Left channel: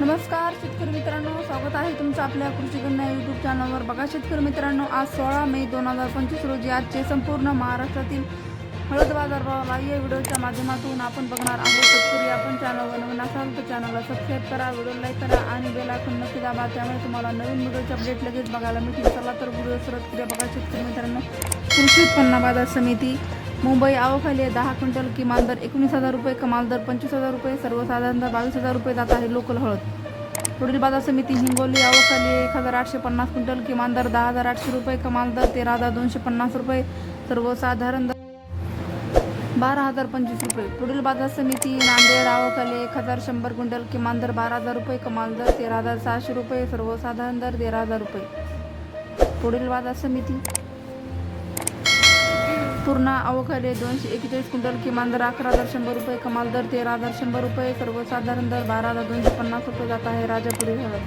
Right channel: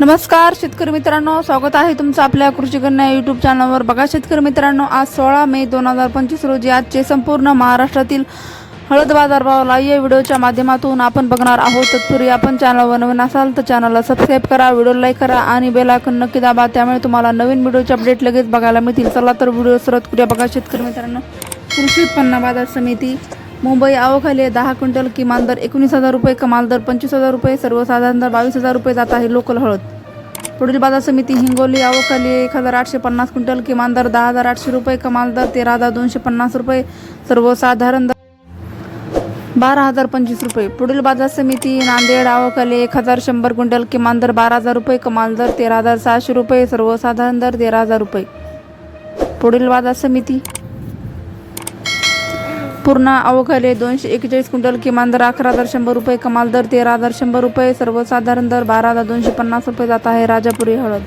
नमस्कार शेतकरी मित्रांनो. स्वागत आहे तुमचं आपल्या कृषी कन्या यूट्यूब चॅनलवर बघा शेतकरी मित्रांनो आज सोळा मे दोन हजार पंचवीस रोजी आजचे संपूर्ण महाराष्ट्रातील हळद बाजारभावाला या व्हिडिओच्या माध्यमातून आपण बघणार आहोत तत्पूर्वी आपण चॅनलवर नवीन असाल तर चॅनलला सबस्क्राईब करा व्हिडिओ लाईक करा आणि बेल आयकॉन नक्की दाबा. त्यामुळे तुम्हाला नवीन व्हिडिओचे अपडेट लगेच बघायला मिळतील. चला तर व्हिडिओ सुरुवात करूया. बघा शेतकरी मित्रांनो कृषी उत्पन्न बाजार समिती मुंबई आवखाली दहा क्विंटल किमान दर एकोणीस हजार रुपये कमाल दर पंचवीस हजार रुपये सर्वसाधारण दर बावीस हजार रुपये जात आहे लोकल हळद. पुढील बाजार समिती हिंगोली आवखाली एक हजार आठशे पन्नास क्विंटल किमान दर दहा हजार आठशे रुपये कमाल दर तेरा हजार दोनशे पन्नास रुपये सर्वसाधारण दर बारा हजार पंचवीस रुपये. पुढील बाजार समिती नांदेड आवकाले एक हजार शंभर क्विंटल किमान दर बारा हजार रुपये कमाल दर तेरा हजार सहाशे रुपये सर्वसाधारण दर तेरा हजार रुपये. पुढील बाजार समिती पूर्ण अवघाले दोनशे एकेचाळीस क्विंटल किमान दर अकरा हजार शंभर रुपये कमाल दर तेरा हजार शंभर रुपये सर्वसाधारण दर बारा हजार दोनशे पन्नास रुपये जात आहे. राजापुरी हळद